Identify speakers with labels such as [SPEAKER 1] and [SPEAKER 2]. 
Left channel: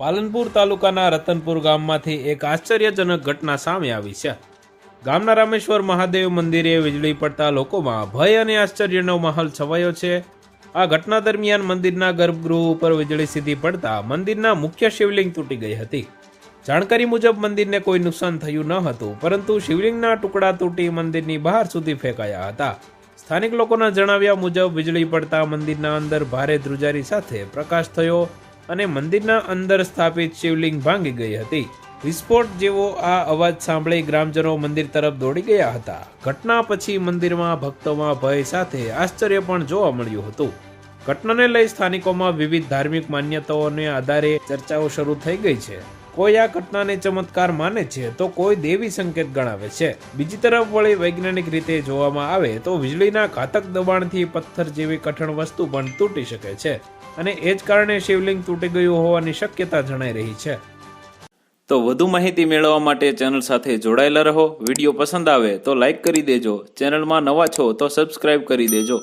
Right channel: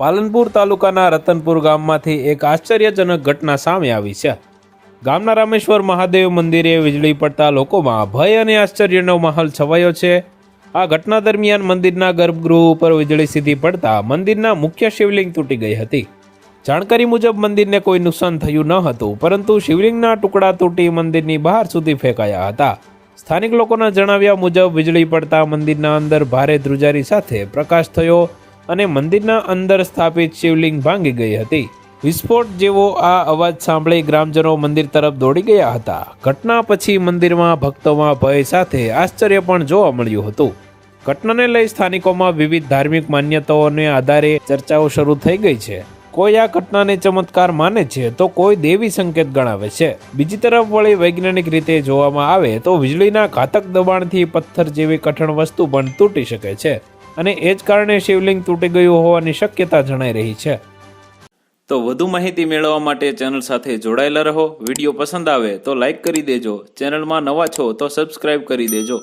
[SPEAKER 1] પાલનપુર તાલુકાના રતનપુર ગામમાંથી એક આશ્ચર્યજનક ઘટના સામે આવી છે. ગામના રામેશ્વર મહાદેવ મંદિરે વીજળી પડતા લોકોમાં ભય અને આશ્ચર્યનો માહોલ છવાયો છે. આ ઘટના દરમિયાન મંદિરના ગર્ભગૃહ ઉપર વીજળી સીધી પડતા મંદિરના મુખ્ય શિવલિંગ તૂટી ગઈ હતી. જાણકારી મુજબ મંદિરને કોઈ નુકસાન થયું ન હતું, પરંતુ શિવલિંગના ટુકડા તૂટી મંદિરની બહાર સુધી ફેંકાયા હતા. સ્થાનિક લોકોના જણાવ્યા મુજબ વીજળી પડતા મંદિરના અંદર ભારે ધ્રુજારી સાથે પ્રકાશ થયો. અને મંદિરના અંદર સ્થાપિત શિવલિંગ ભાંગી ગઈ હતી. વિસ્ફોટ જેવો આ અવાજ સાંભળી ગ્રામજનો મંદિર તરફ દોડી ગયા હતા. ઘટના પછી મંદિરમાં ભક્તોમાં ભય સાથે આશ્ચર્ય પણ જોવા મળ્યું હતું. ઘટનાને લઈ સ્થાનિકોમાં વિવિધ ધાર્મિક માન્યતાઓને આધારે ચર્ચાઓ શરૂ થઈ ગઈ છે. કોઈ આ ઘટનાને ચમત્કાર માને છે તો કોઈ દેવી સંકેત ગણાવે છે. બીજી તરફ વળી વૈજ્ઞાનિક રીતે જોવામાં આવે તો વીજળીના ઘાતક દબાણથી પથ્થર જેવી કઠણ વસ્તુ પણ તૂટી શકે છે. અને એ જ કારણે શિવલિંગ તૂટી ગયું હોવાની શક્યતા જણાઈ રહી છે. તો વધુ માહિતી મેળવવા માટે ચેનલ સાથે જોડાયેલા રહો. વીડિયો પસંદ આવે તો લાઈક કરી દેજો. ચેનલમાં નવા છો તો સબસ્ક્રાઇબ કરી દેજો.